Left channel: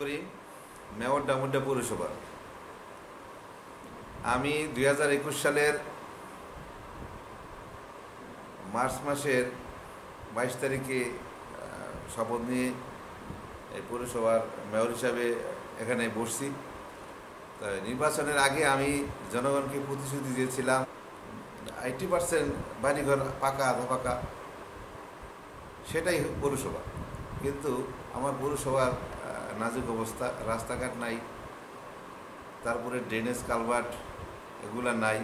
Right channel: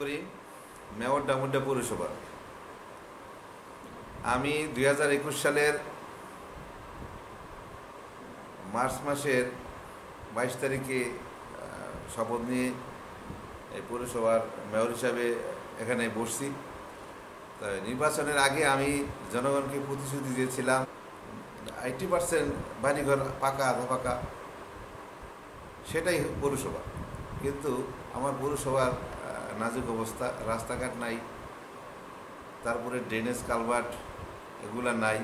করি মেয়র ডামুড্ডা পৌরসভা। আমি 2021 সালের মার্চ মাসের 22 তারিখে শপথ নিয়ে এই পৌরসভার মেয়র হিসাবে এখানে বসছি। তাই নির্বাচনের আগে আমি জনগণকে প্রতিশ্রুতি দিয়েছিলাম 80% বাড়িঘর পাকা আধা পাকা, সেটাই পৌরসভা। কিন্তু আমার পৌরসভার নাজুক অবস্থা, রাস্তাঘাট নাই, তারপরে ড্রেনেজ কালভার্ট এগুলা নাই।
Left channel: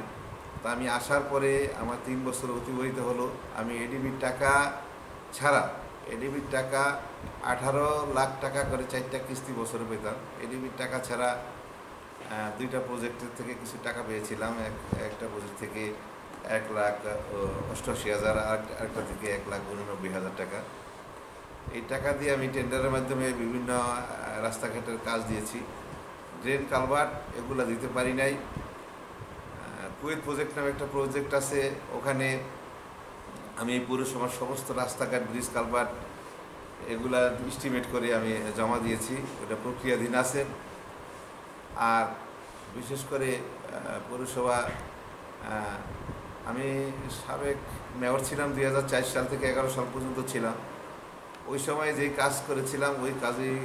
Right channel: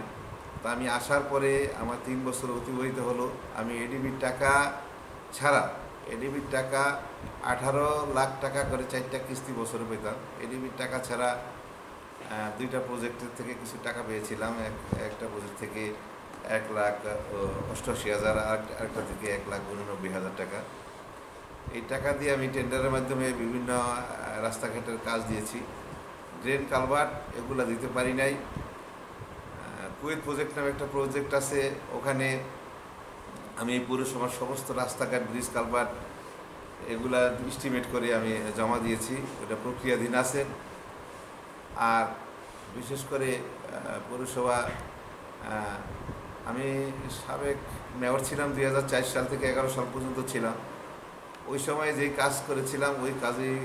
তা আমি আসার পরে আমার 3 বছর অতিবাহিত হলো। আমি এডিবির টাকা ছাড়া, এডিবির টাকা 18 লাখ টাকা করে 4টা কিস্তি বছরে পেতাম। এডিবির টাকা ছাড়া 2টা প্রজেক্টের থেকে কিছু টাকা পেয়েছিলাম। একটা প্রজেক্ট থেকে 1,88,000, আরেকটা থেকে 1,89,000 টাকা। এই টাকা দিয়ে আমি টেন্ডারের মাধ্যমে বিভিন্ন রাস্তাঘাটের কাজ দিয়েছি। ড্রেন কালভার্ট এগুলো দিতে পারি নাই। কুয়েত প্রজেক্ট নামে একটা প্রজেক্ট আছে, ওখানে আমি এই পৌরসভার সমস্ত রাস্তাঘাট, ব্রিজ, কালভার্ট এগুলা এস্টিমেট করে আমি জমা দিয়েছি, ওটা প্রক্রিয়াধীন আছে। আর বিশেষ করে পৌরসভা, আমি সাবেক মেয়র ছিলাম 2004 সাল থেকে 11 সাল পর্যন্ত ছিলাম। ওই সময় যেই কাজ করেছিলাম ওই কাজেই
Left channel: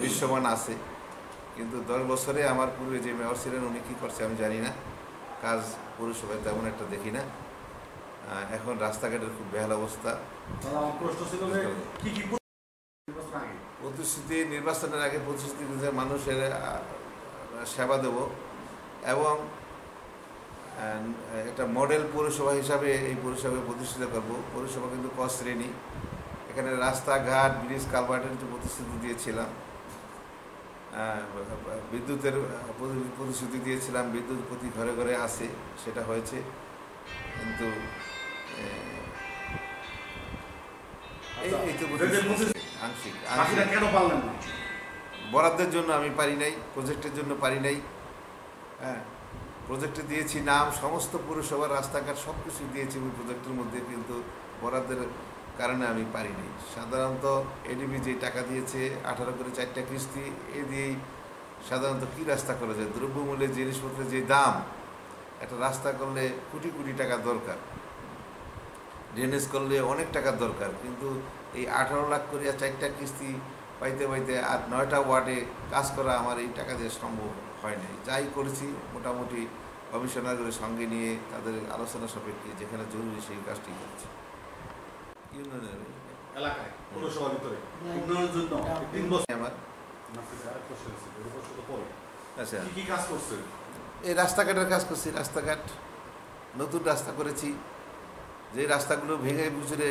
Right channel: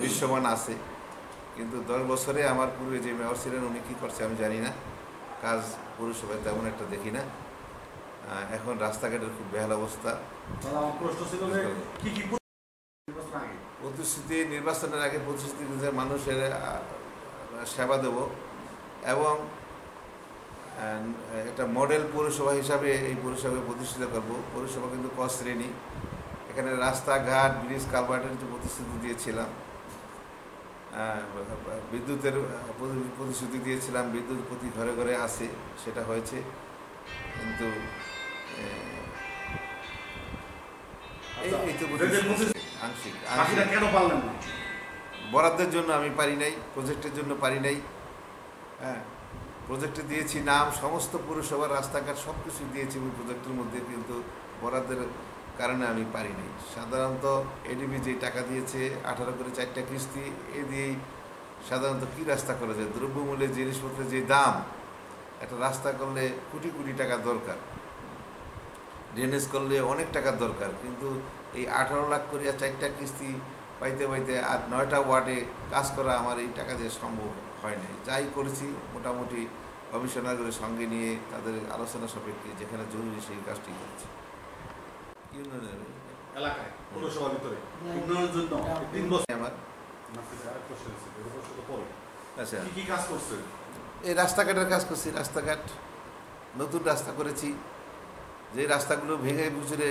দৃশ্যমান আছে। কিন্তু 10 বছরে আমার পূর্বে যে মেয়র ছিলেন উনি কী করছে আমি জানি না। কাজ পৌরসভায় তেমন একটা দেখি না। এখন রাস্তাঘাটের খুব বেহাল অবস্থা। প্রতিশ্রুতি, নির্বাচনের আগে প্রতিশ্রুতি দিতে মানুষের সেবা দেব এবং একটা মডেল পৌরসভা হিসাবে এই পৌরসভাকে প্রতিষ্ঠিত করব। পৌরসভা কিন্তু ক শ্রেণী, এখানে রাস্তাঘাট, ব্রিজ, কালভার্টের যে প্রতিশ্রুতি দিয়েছিলাম, বিদ্যুতের প্রতিশ্রুতি দিয়েছিলাম, বিদ্যুৎ প্রতি ঘরে ঘরে আছে, সেটা হয়েছে। কিন্তু আংশিক বরাদ্দের জন্য আমি পারি নাই, প্রজেক্টের জন্য পারি নাই। প্রজেক্টে দিয়েছি নাম, সমস্ত পৌরসভার রাস্তাঘাট সব কিছু দিয়েছি ওই প্রজেক্টের মধ্যে, কিন্তু বরাদ্দের কারণে আমি পারি নাই। সাধারণত এডিবি যে টাকা দিয়েছে 18 করে 4টা কিস্তি, এ দিয়েই সাধারণত কী রাস্তা করা যায়? দ্রব্যমূল্যের জিনিসপত্রের যে দাম, একটা রাস্তা করলে কোটি কোটি টাকা দরকার, ড্রেনেজ করলে অনেক টাকার দরকার। কিন্তু এই 18 লাখ করে 4টা কিস্তি পাইতে পাইতে আর 9টা ওয়ার্ডে কাজ করা আমার এই টাকা দিয়ে সম্ভব হয় নাই। যাই করেছি মোটামুটি কমিশনারদের সঙ্গে নিয়ে তাদের আলোচনা সাপেক্ষে যেখানে জরুরি সেই কাজটি করেছি। ইউনিয়নের এলাকায় পৌরসভার ভিতরে উন্নয়নের জন্য 3 বছর আমার আচ্ছা কি কাজ করছে? এই রাস্তাঘাটের কাজ করছি। রাস্তাঘাট নতুন রাস্তা করেছি, যে রাস্তাগুলো ভেঙে গুজরে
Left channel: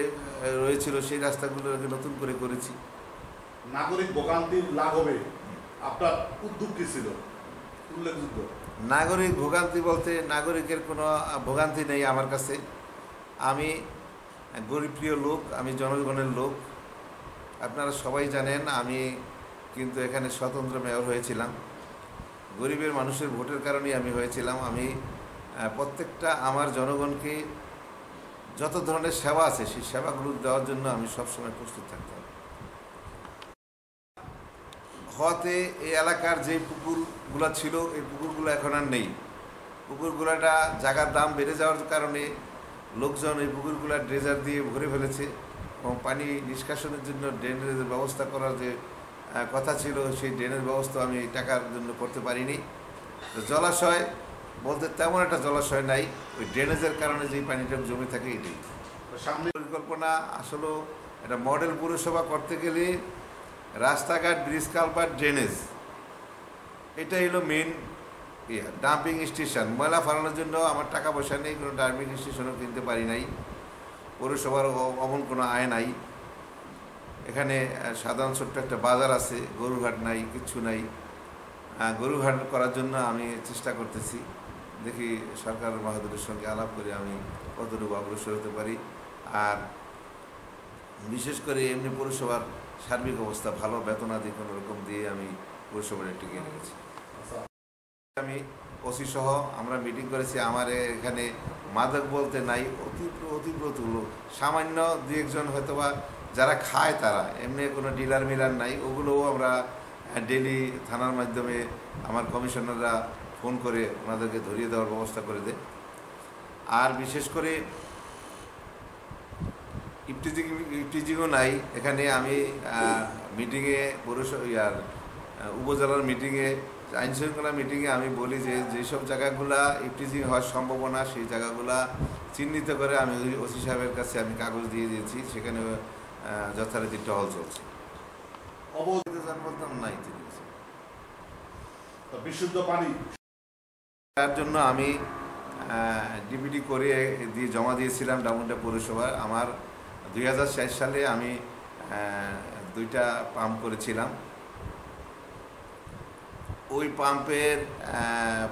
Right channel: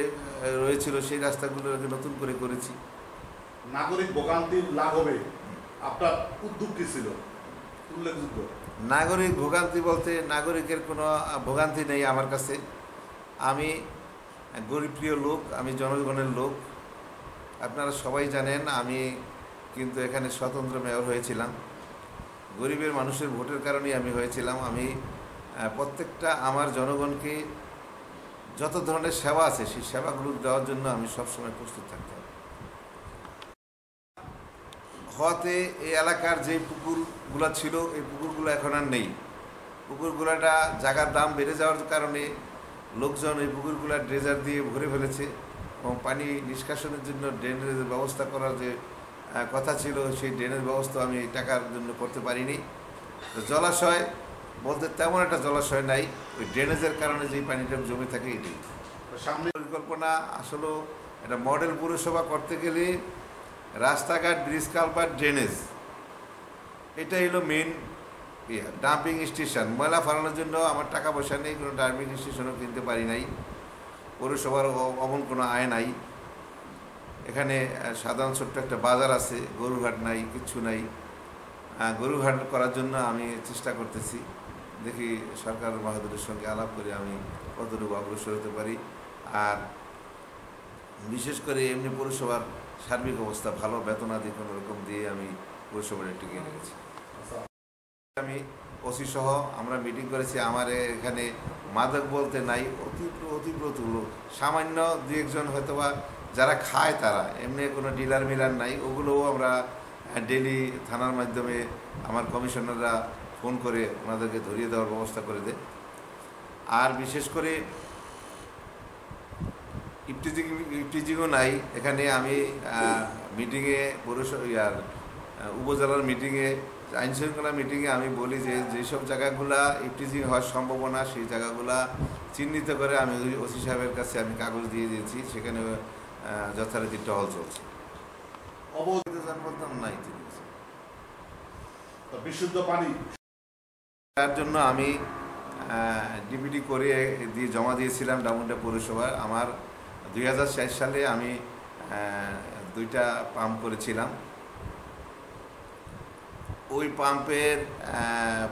রয়েছিল সেই রাস্তাগুলো নতুন করে করেছি। নাগরিক ভোগান্তির লাঘব হবে আপনার উদ্যোগ কি ছিল উল্লেখযোগ্য? নাগরিক ভোগান্তি বলতে নাগরিকের কোনো ভোগান্তি নেই আমার কাছে। আমি গরিবপ্রিয় লোক, আমি জনগণের লোক। আপনারা সবাই জানেন আমি কিন্তু এখানে স্বতন্ত্র মেয়র হয়েছিলাম। গরিবের মানুষের ভোটের কারণেই আমি হয়েছিলাম। আমি প্রত্যেকটা আমার জনগণকে যত ধরনের সেবা আছে সেই সেবাগুলো দেওয়ার জন্য আমি সবসময় প্রস্তুত থাকতাম। হওয়াতে এই এলাকার যে পুকুরগুলো ছিল এই পুকুরগুলো এখন আর নেই। পুকুরগুলোটা জায়গার দাম বেড়ে যাওয়ার কারণে লোকজন এই পুকুরগুলো ড্রেজার দিয়ে ভরে ফেলেছে এবং পানি নিষ্কাশনের জন্য ড্রেনের ব্যবস্থা করার যে কথা ছিল সেই ড্রেনের ব্যবস্থা আমি টাকার জন্য করতে পারিনি। জলাশয় বলতে তেমন একটা জলাশয় নাই, ওই ড্রেনেজের কারণে যেই পানিটা জমে থাকে এটাই। সামনে পরিকল্পনা আসলে একটা মডেল পৌরসভা করতে গেলে রাস্তাঘাট, ব্রিজ, কালভার্ট, ড্রেনেজ এটাই হলো মেন। ডাম্পিং স্টেশন, ময়লা ফালানোর জন্য আমার টাকা পয়সা নেই, কোনো ডাম্পিং স্টেশনও কিনতে পারি নাই। পৌরসভার অমন কোনো আয় নাই। এখানে সাধারণ ছোট্ট একটা বাজার আছে, গরুঘাট নাই, কিচ্ছু নাই। গরুঘাট করার জন্য আমি চেষ্টা করতেছি, দেখি সরকার বাহাদুরের সঙ্গে আলাপ করে আমি কতটুকু অগ্রসর হতে পারি। আর বিশেষ করে এমনি পৌরসভার সার্বিক অবস্থা ভালো, বেতনাদি কোনো রকম দিয়ে আমি পৌরসভাটা টিকে রেখেছি। আমি ওসি সহ আমরা মিটিং করেছি। আমার এখানে মাদক বলতে নাই, অতিব্রত লোক সামান্য 2-1 জন হয়তোবা যারা খায়, তারা এমনি কোনো ডিলার মিলার নাই, ওগুলোও আমরা ডেলি থানার মাধ্যমে আমার কমিশনাররা ফোন করে ওনাদেরকে ধরিয়ে দেওয়ার ব্যবস্থা করে দেয়। আর বিশেষ করে ইফটিজিংও নাই এখানে। আমি মিটিংয়ে উপজেলার মিটিংয়ে, আইনশৃঙ্খলা মিটিংয়ে আমি বলি যে যেসব জায়গাগুলা ইফটিজিং হওয়ার সম্ভাবনা সেই জায়গাগুলা চিহ্নিত করে আমি ওসি সাহেবের কাছে আমি কাগজ দিয়ে দিয়েছি, সেখানে যথারীতি টহল চলছে। নাই বিশুদ্ধ পানি তার জন্য আমি ডিপিটি করে দিয়ে জমা দিয়েছিলাম ডামুড্যা পৌরসভায়। আমার 2004 সালে আমি 2টা পাম্প করেছিলাম। ওই পাম্পের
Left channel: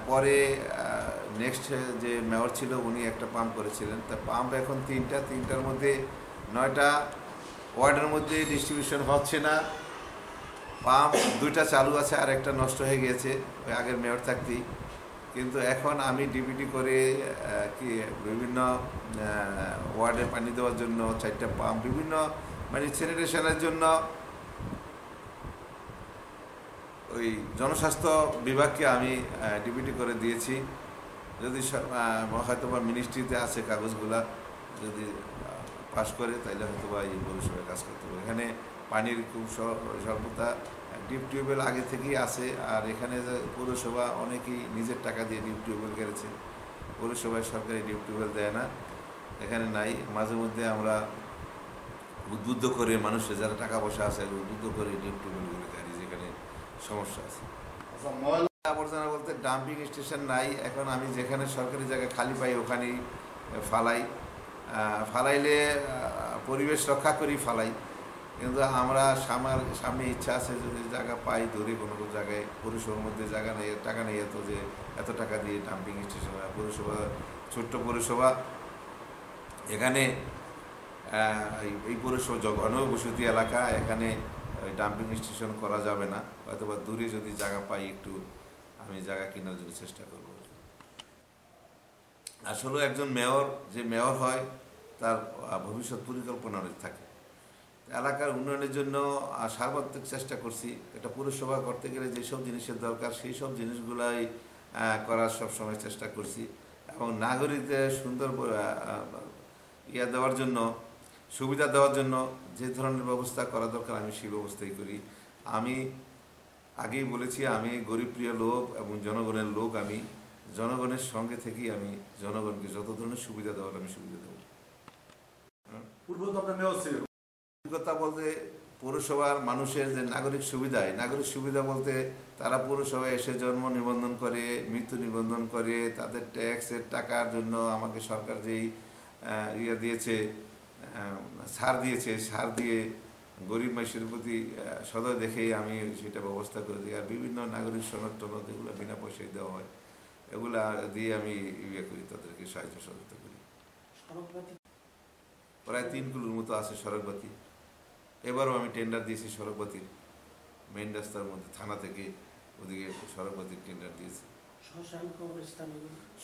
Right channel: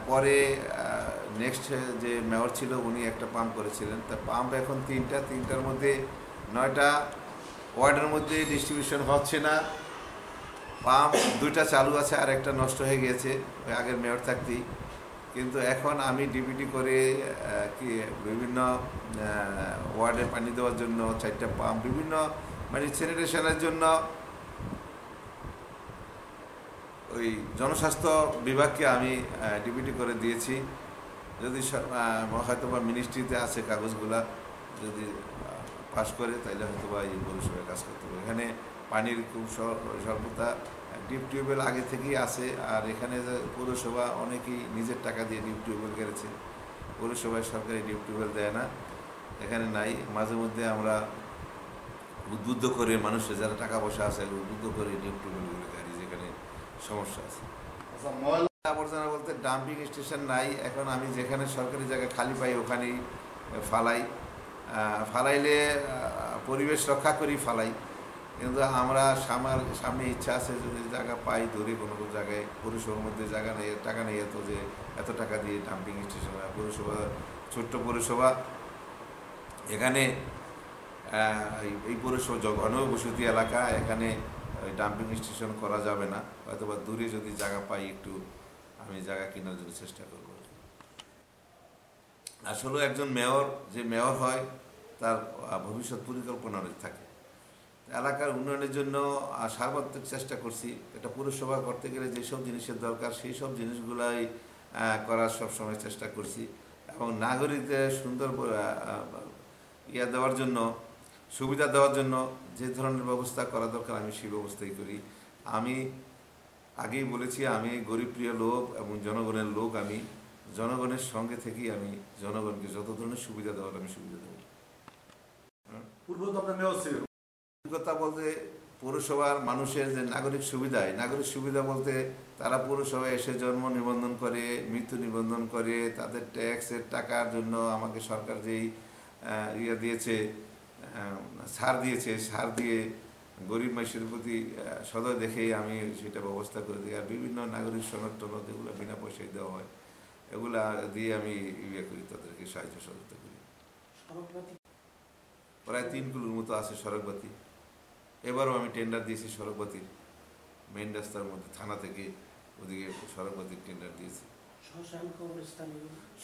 পরে নেক্সট যে মেয়র ছিল উনি একটা পাম্প করেছিলেন। তা পাম্প এখন 3টার মধ্যে 9টা ওয়ার্ডের মধ্যে ডিস্ট্রিবিউশন হচ্ছে না। পাম্প 2টা চালু আছে আর একটা নষ্ট হয়ে গিয়েছে ওই আগের মেয়র থাকতেই। কিন্তু এখন আমি ডিপিটি করে কি বিভিন্ন ওয়ার্ডে পানি দেওয়ার জন্য 4টা পাম্প, বিভিন্ন মানে স্যানিটেশনের জন্য ওই জনস্বাস্থ্য বিভাগকে আমি ডিপিটি করে দিয়েছি। যদি হয়তো বা মিনিস্ট্রিতে আছে কাগজগুলা, যদি পাস করে তাহলে হয়তো বা এই পৌরসভায় কাজ করতে হবে। এখানে পানির খুব স্বল্পতা, ডিপ টিউবওয়েল আগে থেকেই আছে। আর এখানে পৌরসভা অনেকেই নিজের টাকা দিয়ে ডিপ টিউবওয়েল করেছে, পৌরসভায় সরকারি ডিপ টিউবওয়েল দেয় না, এখানে নাই। মাঝে মধ্যে আমরা উদ্বুদ্ধ করে মানুষের যারা টাকা পয়সা আছে উদ্বুদ্ধ করে ডিপ টিউবওয়েলগুলো গাড়ি যেখানে সমস্যা আছে। আবর্জনা বলতে ডাম্পিং স্টেশন নাই এখন। আমি যেখানে সরকারি জায়গায় খালি পাই ওখানেই ফালাইলে পরিবেশ রক্ষা করি ফালাই। কিন্তু আমরা সামনে ইচ্ছা আছে যদি জায়গা পাই ধরে কোনো জায়গায়, পৌরসভার মধ্যে জায়গা নেই, টাকা নেই এত যে এত টাকা দিয়ে ডাম্পিং স্টেশন। পৌরসভা ছোট্ট পৌরসভা, এখানে এই পৌরসভা ঘনবসতি এলাকা, এখানে ডাম্পিং স্টেশন করা যাবে না। হয়তো বা দূরে যদি জায়গা পাই একটু আমি জায়গা কেনার জন্য চেষ্টা করব। আসলে একজন মেয়র যে মেয়র হয় তার ভবিষ্যৎ পরিকল্পনা থাকে। এলাকার উন্নয়নের জন্য সার্বত্রিক চেষ্টা করছি। এটা পৌরসভা করতে গেলে যেসব জিনিসের দরকার সেই সব জিনিসগুলাই করার সবসময় চেষ্টা করছি। এবং নাগরিকদের সুন্দর দেওয়ার জন্য, সুবিধা দেওয়ার জন্য যে ধরনের ব্যবস্থা করা দরকার আমি সেই ব্যবস্থাই করি। আমি আগেই বলেছি আমি গরিবপ্রিয় লোক এবং জনগণের লোক। আমি জনগণের সঙ্গে থেকেই আমি জনগণকে যত ধরনের সুবিধা দেওয়ার আমি সুবিধা দেবো। পূর্ব তো আপনার মেয়র ছিল। কথা বলতে পৌরসভার মানুষের যে নাগরিক সুবিধা বলতে তারা পৌরসভায় এসে জন্ম নিবন্ধন করে, মৃত্যু নিবন্ধন করে, তাদের ট্যাক্সের টাকার জন্য আমাকে সরকার যেই দিয়েছে, ছাড় দিয়েছে, ছাড় দিয়ে গরিব মানুষের প্রতি সদয় দেখেই আমি সেটা ব্যবস্থা করে দিই। আর বিভিন্ন নাগরিক সনদ টনদ এগুলো বিনা পয়সায় দেওয়া হয়, এগুলা দিয়ে আমি করি, তাদেরকে সাহায্য সহযোগিতা করি। প্রায় 3 কিলোর মতো আছে সড়কবাতি। এবারও আমি টেন্ডার দিয়েছি সড়কবাতির, মেইন রাস্তার মধ্যে থানা থেকে ওদিকে সড়কবাতির টেন্ডার দিয়েছি।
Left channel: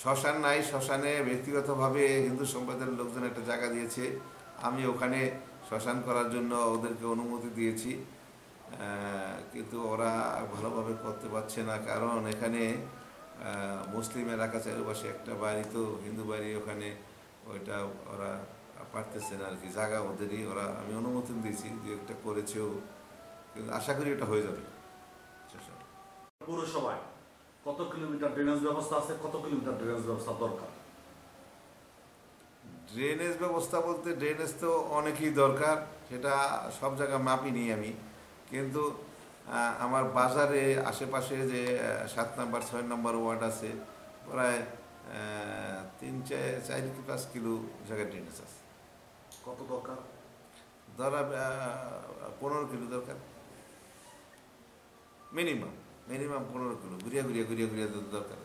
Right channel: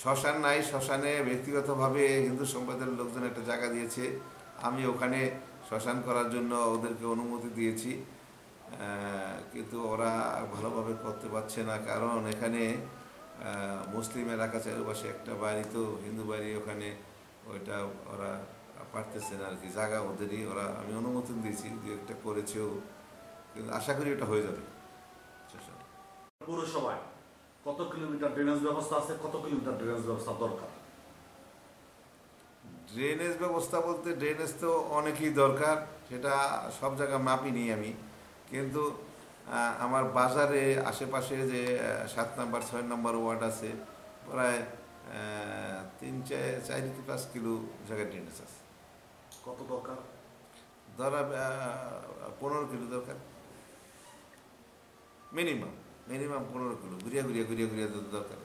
শ্মশান নাই, শ্মশানে ব্যক্তিগতভাবে হিন্দু সম্প্রদায়ের লোকজন একটা জায়গা দিয়েছে, আমি ওখানে শ্মশান করার জন্য ওদেরকে অনুমতি দিয়েছি। কিন্তু ওরা ভালোভাবে করতে পারছে না, কারণ এখানে মুসলিম এলাকা চারিপাশে একটা বাড়ি তো হিন্দু বাড়ি, ওখানে ওইটা ওরা পারতেছে না আর কি, জায়গা ওদেরই। ওরা আমি অনুমোদন দিয়েছি, যে একটা করেছেও, কিন্তু আশা করি এটা হয়ে যাবে। পৌরসভায় কত কিলোমিটার ড্রেনেজ ব্যবস্থা আছে, কত কিলোমিটার ড্রেনেজ ব্যবস্থা দরকার? ড্রেনেজ ব্যবস্থা বলতে ড্রেনেজ তো অনেকই দরকার, সেটা সব জায়গায় মাপিনি আমি। কিন্তু আমার বাজারে আশেপাশে যে 7 নম্বর 6 নম্বর ওয়ার্ড আছে, প্রায় 3-4-5 কিলো জায়গায় ড্রেনেজ আছে। কত দরকার? ধরা 15 কিলো দরকার, মিনিমাম 15 কিলো ঘুরিয়া দরকার।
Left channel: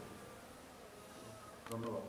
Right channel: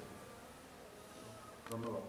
ধন্যবাদ।